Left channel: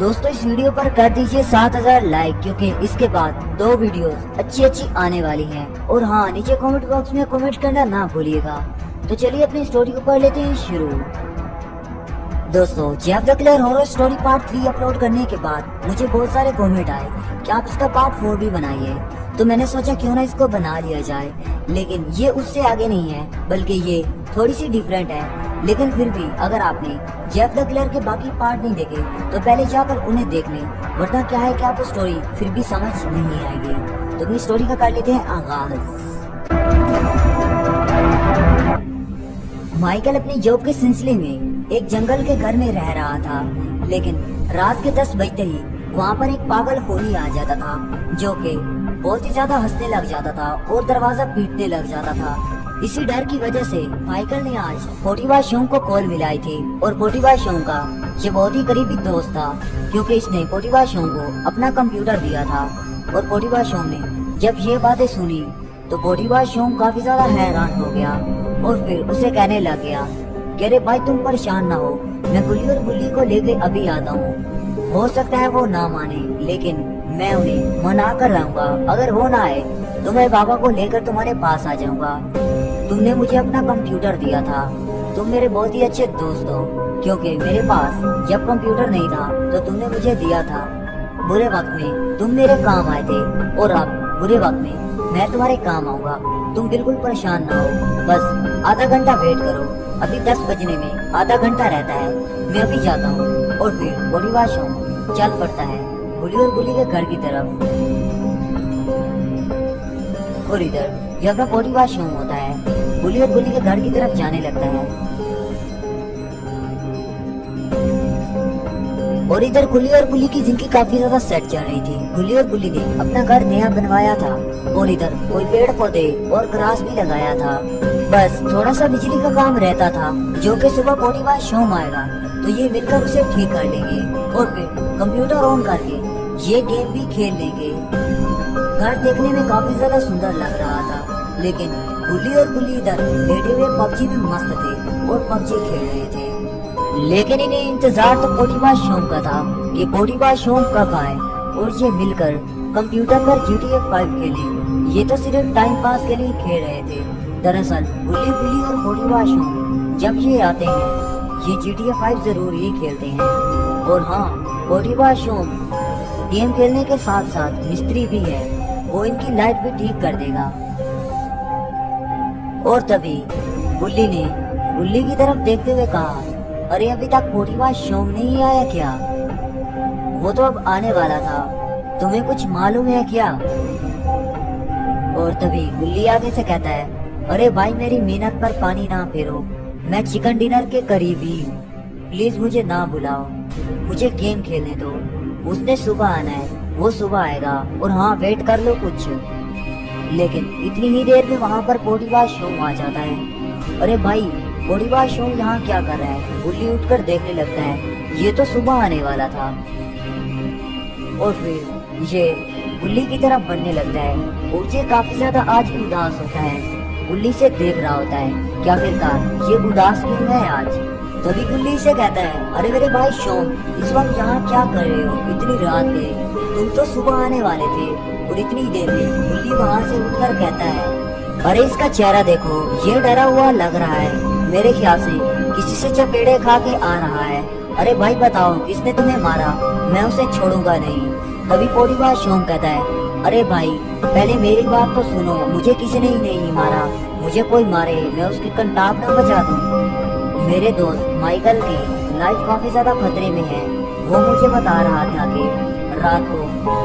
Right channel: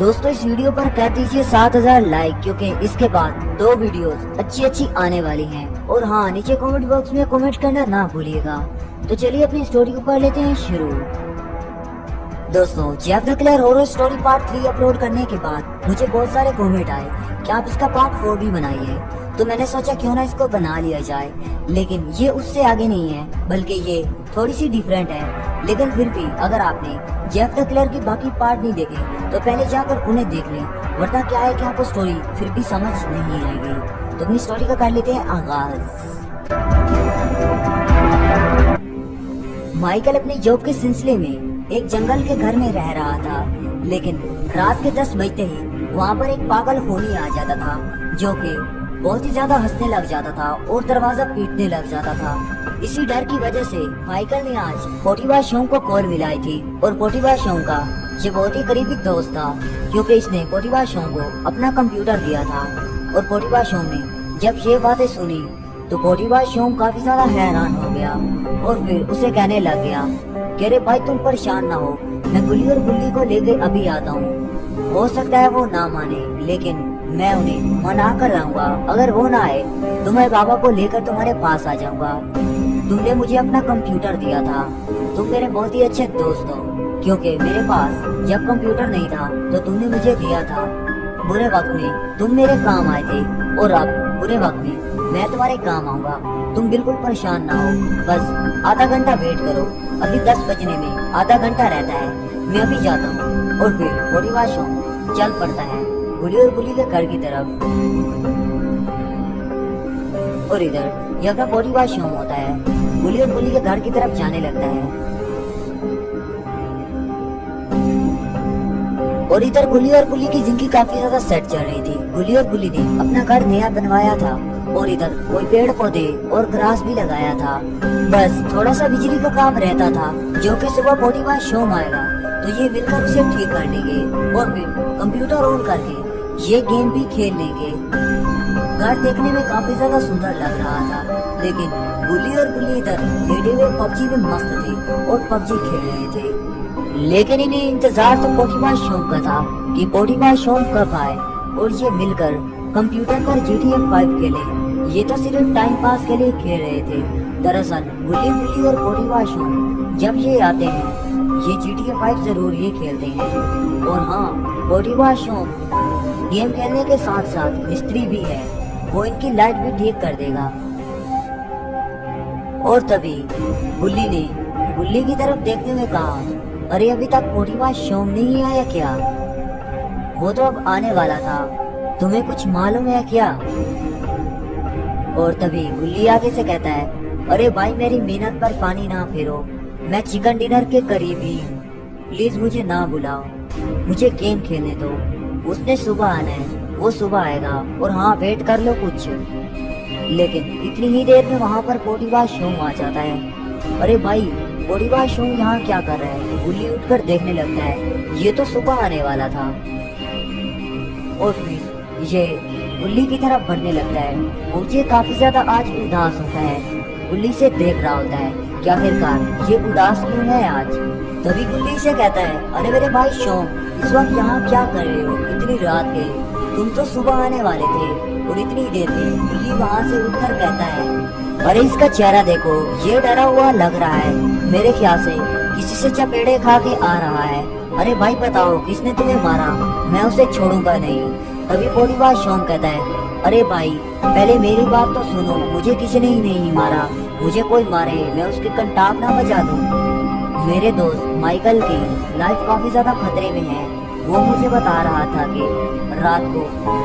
दोस्तों इस वीडियो पर कर दीजिए 7000 लाइक, क्योंकि इसके बाद 2 वीडियोस अच्छी आने वाली हैं। और हाँ, नीचे कमेंट बॉक्स में कमेंट करना ना भूलिएगा। तो चलिए अपनी स्टोरी को कर लेते हैं शुरू। दोस्तों, Jeff the killer horror story part 3 upload करने के बाद मुझे बहुत सारे कमेंट आए कि आप इसका पार्ट 4 भी बनाइए। तो मैंने सोचा क्यों ना इसको बना लिया जाए। लेकिन ये उससे आगे नहीं है, बल्कि ये थोड़ी सी डिफरेंट है। लेकिन फिर भी अगर आपने जेफ द किलर के बाकी पार्ट नहीं देखे तो पहले जाकर उन्हें देख लें, वरना क्या है कि आपको स्टोरी फिर भी समझ नहीं आएगी। तो अपनी स्टोरी का कर लेते हैं आगाज। माइकल अपनी जॉब के सिलसिले में एक जंगल के घर में रह रहा था। लेकिन रात के 10 बजते ही वहाँ पर एक पागल होनी आ जाता था, जो कि बहुत ही ज्यादा हंसने लग जाता था और दरवाजा पीटने लग जाता था। इसी डर की वजह से माइकल ने आज पोटीवा शोंग को कॉल मिलाई थी। और पोटीवा शोंग का ये बहुत ही करीबी दोस्त था, क्योंकि इसने पोटीवा शोंग को अपना कंप्यूटर दिया था। और पोटीवा शोंग ने जब ये बातें सुनी तो पोटीवा शोंग काफी ज्यादा हैरान हो गया और फिर उसे कहने लग गया कि अरे भाई तुम परेशान ना हो, मैं गुल्ली और गुल्ली को लेके अभी आता हूँ। हो सकता है वो ना माने, लेकिन मैं उन्हें मना कर लाऊंगा। अगर वो ना आए तो मैं बाबा को लेकर तुम्हारे पास आ जाऊंगा। तुमने मुझे अपना कंप्यूटर दिया था, तुम मेरे बहुत ही अच्छे दोस्त हो, क्योंकि मेरे पास जब कंप्यूटर नहीं था तो तुमने मुझे दिया था। बुरे वक्त में तुम मेरे काम आए थे और अब बुरे वक्त में मैं तुम्हारे काम आऊंगा। तुम बिल्कुल परेशान ना हो, बस आधा घंटा वेट करो। अभी 10 बजने में आधा घंटा रहता है, मैं अभी जाता हूँ। और फिर पोटीवा शोंग चल पड़ता है गुल्ली और गुल्ली के घर की तरफ। और इधर जब पोटीवा शोंग होता है, गुल्ली और गुल्ली के घर की तरफ जाने लगता है। और इधर गुल्ली और गुल्ली की जिंदगी काफी ज्यादा सेट चल रही थी। गुल्ली और गुल्ली ने अपना घर नया बनवाया था और इधर कोई पेड़ पौधे और ग्रास भी लगाया था। बस थोड़ा सा बिजली का काम रहता था, जो कि सुबह पोटीवा शोंग आएगा तो ये मिलकर उसे ठीक कर लेंगे और फिर कंप्यूटर ऑन करके ये गेम भी खेल लेंगे। घर देखने में काफी ज्यादा सुंदर लग रहा था, लेकिन गुल्ली और गुल्ली इधर बैठे हुए पबजी में मस्त थे और पबजी खेल रहे थे। लेकिन इन्हें इंतजार तो पोटीवा शोंग का था कि पोटीवा शोंग कब आए और ये मिलकर कंप्यूटर पर GTA 5 खेले। ये तो सिर्फ टाइम पास के लिए खेल रहे थे। दरअसल गुल्ली गुल्ली और पोटीवा शोंग जब ये आते हैं, ये GTA 5 जरूर ये खेलते हैं। और हाँ, पोटीवा शोंग गेम खेलने के साथ साथ मिस्त्री भी है, वो इनकी लाइट भी ठीक कर देगा। और तभी गुल्ली ने गुल्ली की तरफ देखते हुए कहा, अरे अभी तक पोटीवा शोंग नहीं आया क्या? वो तो अब आने वाला था, तुम्हें कुछ मालूम है क्या? और तभी गुल्ली आगे से कहता है, अरे भाई मेरी मेहनत पर पानी ना फेरो, मैं चिकन डिनर के करीबी, प्लीज मुझे ना बुलाओ, मुझे गेम खेलने दो। उसने सुबह आना है, वो सुबह आएगा। और हाँ, वेट कर लो कुछ। लेकिन इतनी ही देर में वहाँ पर पोटीवा शोंग आ जाता है। अरे भाई, पोटीवा शोंग यहाँ क्या कर रहा है? गुल्ली उठकर देखने लगता है, ये तो सुबह आने वाला था। और फिर ये गुल्ली की तरफ बढ़ने लगता है और ये काफी ज्यादा आज उदास होता है। गुल्ली से देख रहा होता है कि आखिरकार ये उदास क्यों है आज। तभी गुल्ली से कहता है, अरे मेरे भाई शोंग, इस वक्त यहाँ क्या कर रहे हो? इतनी रात के, तुम तो सुबह आने वाले थे। और इतनी देर में गुल्ली वहाँ से उठकर कहता है, अरे इसका चेहरा देखो, ये डरा हुआ लग रहा है, मेरे ख्याल से किसी से चपेड़े खा के आ रहा है। अरे भाई बताओ, किसने तुम्हें मारा? मैं उसे छोड़ूंगा नहीं। तभी पोटीवा शोंग कहता है, अरे भाई पहले मेरी बात तो सुनो, मुझे किसी ने ही नहीं मारा, मुझे कोई मारे मैं उसकी कंटाप ना बजा दूं। मेरे दोस्त माइकल की लाइफ काफी ज्यादा खतरे में है। वो मुझे बता रहा था कि रात को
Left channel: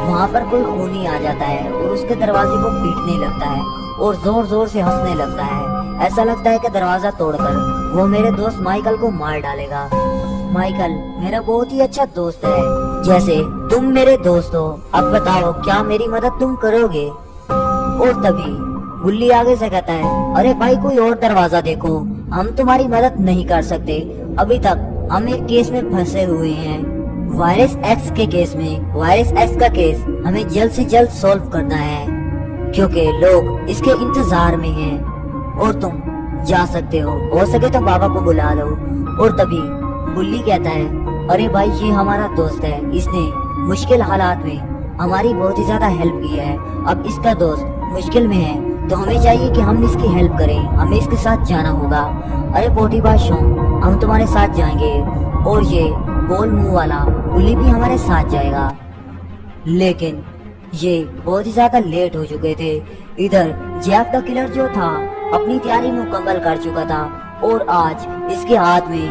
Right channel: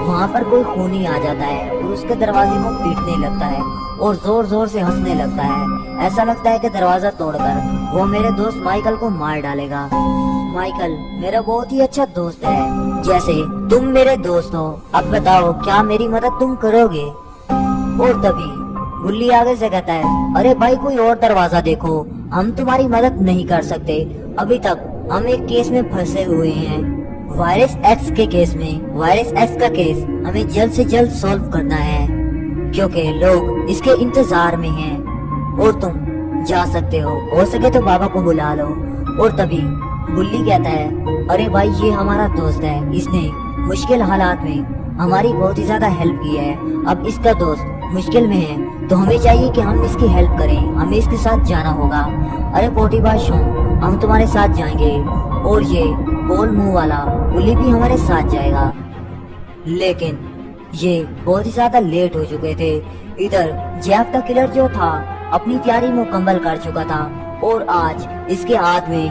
वहाँ पर कोई खूनी आ जाता है और उसके दरवाजे को पीटने लगता है और जोर जोर से हंसने लगता है। ऐसा लगता है कि दरवाजा तोड़कर वो मेरे दोस्त माइकल को मार डालेगा। माइकल मेरा बहुत ही अच्छा दोस्त है, जैसे तुम मेरे दोस्त हो। अब बताओ, क्या मेरी मदद तुम करोगे? और तभी गुल्ली आगे से कहता है, अरे भाई कोई और दरवाजा देखो, हम तुम्हारी मदद नहीं कर सकते। अभी तक हम एक केस में फंसे हुए हैं, वायरस एक्स के केस में। वायरस एक्स का केस हमें जल्द से जल्द सॉल्व करना है, क्योंकि लोग इसके इंतजार में हैं। और तुम जा सकते हो सके तो बाबा को बुला लो। और तभी बुल्ली कहता है, अरे भाई ये हमारा दोस्त है, इसने मुश्किल हालात में हमारी बहुत ही ज्यादा हेल्प की है। अब इसका दोस्त मुश्किल में है तो हमें चाहिए कि हम इसकी हेल्प करें, हमें इसके साथ जाना होगा। अरे पोटी बादशाह, हम तुम्हारे साथ जाएंगे। और ये गोल मुंह वाला बुल्ली भी हमारे साथ जाएगा। लेकिन ये बहुत ही ज्यादा लेट हो चुके थे। इधर जैक द किलर जो था अपनी तैयारी मुकम्मल कर चुका था और आज इसके हाथ में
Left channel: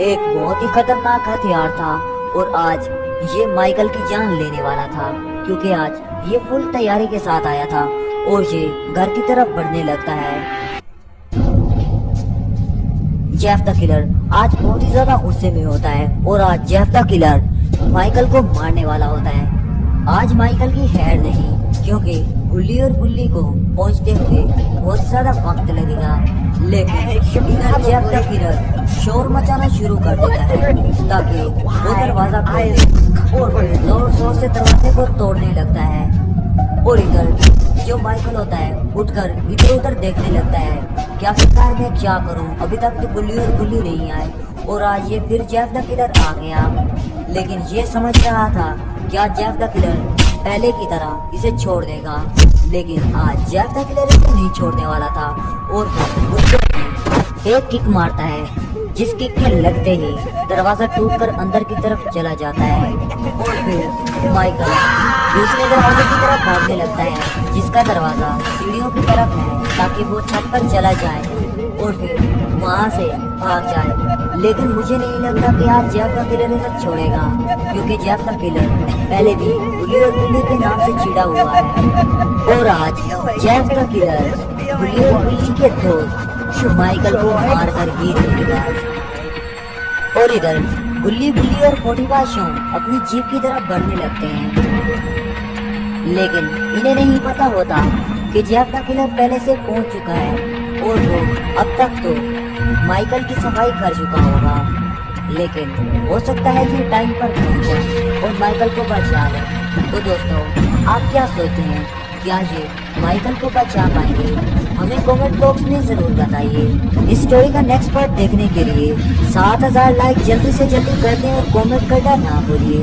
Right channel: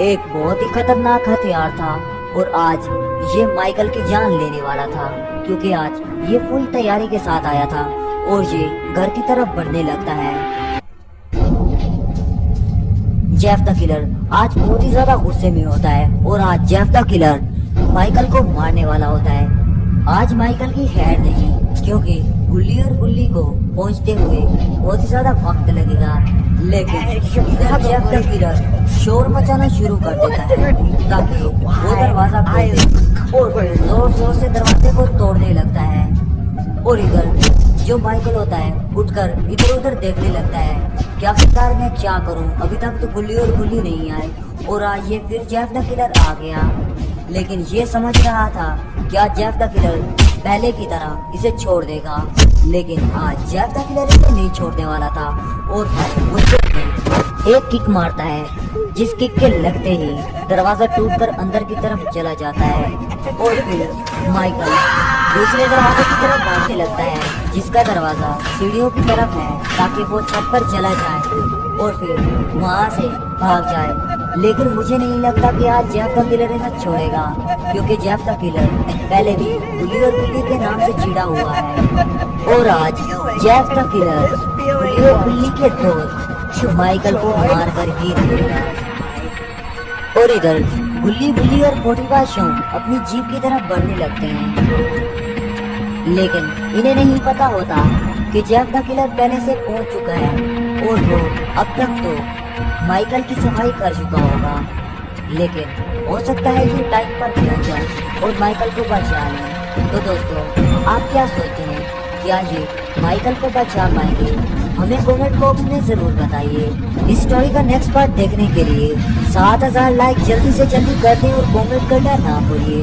एक बहुत ही खतरनाक हथियार था और आज ये माइकल की जान लेने वाला था, क्योंकि आज ये फुल तैयारी के साथ आया था और ये घर की तरफ बढ़ने लगता है। जेफ द किलर आज बहुत ही ज्यादा गुस्से में होता है और आज जेफ द किलर माइकल को मारने वाला होता है। आज माइकल की खैर नहीं, क्योंकि बुल्ली और बुल्ली को पहुंचते हुए बहुत ही ज्यादा वक्त लगेगा। लेकिन इधर जेफ द किलर शोर मचाना शुरू कर देता है ताकि वो दरवाजा खोल दे और जोर जोर से दरवाजे को तोड़ने लगता है। और इधर जो माइकल होता है उठकर इधर उधर देखने लगता है, क्या फिर मैं क्या करूं, अभी तक तो बुल्ली और बुल्ली नहीं आए और आज ये फिर जेफ द किलर आ गया। लेकिन ये समझ रहा था क्या जेफ द किलर पहले की तरह इसे छोड़ देगा, लेकिन आज जेफ द किलर इसे नहीं छोड़ने वाला था और वो एक किक मारता है, जिस किक के लगते ही दरवाजा टूटकर अंदर की तरफ चला जाता है और फिर माइकल दूसरे दरवाजे की तरफ भागने लगता है, जिसका दरवाजा सीढ़ियों की तरफ है ताकि वो छत पर चला जाए और फिर वहाँ से भाग जाए। लेकिन मुझे नहीं लगता कि आज जेफ द किलर इसे छोड़ेगा, क्योंकि जेफ द किलर पहले भी बुल्ली और बुल्ली के नाम से चिढ़ा हुआ है और आज जेफ द किलर बुल्ली और बुल्ली के दोस्त माइकल को मार कर ही रहेगा। और इधर बुल्ली बुल्ली और पोटी बादशाह अपनी जीप की तरफ बढ़ने लगते हैं, लेकिन इन्हें नहीं पता होता कि जेफ द किलर पहले से पहुंच चुका है और वो अब तक तो माइकल की सफाई कर चुका होगा। लेकिन हो सकता है ये टाइम पर पहुंच जाए और माइकल को बचा ले। तो दोस्तों, आप क्या सोचते हैं, क्या ये माइकल को बचा पाएंगे? हमें कमेंट बॉक्स में जरूर बताइए। इस स्टोरी का नेक्स्ट पार्ट देखने के लिए 7000 लाइक जल्दी से जल्दी कर दें और कमेंट करना ना भूलिए।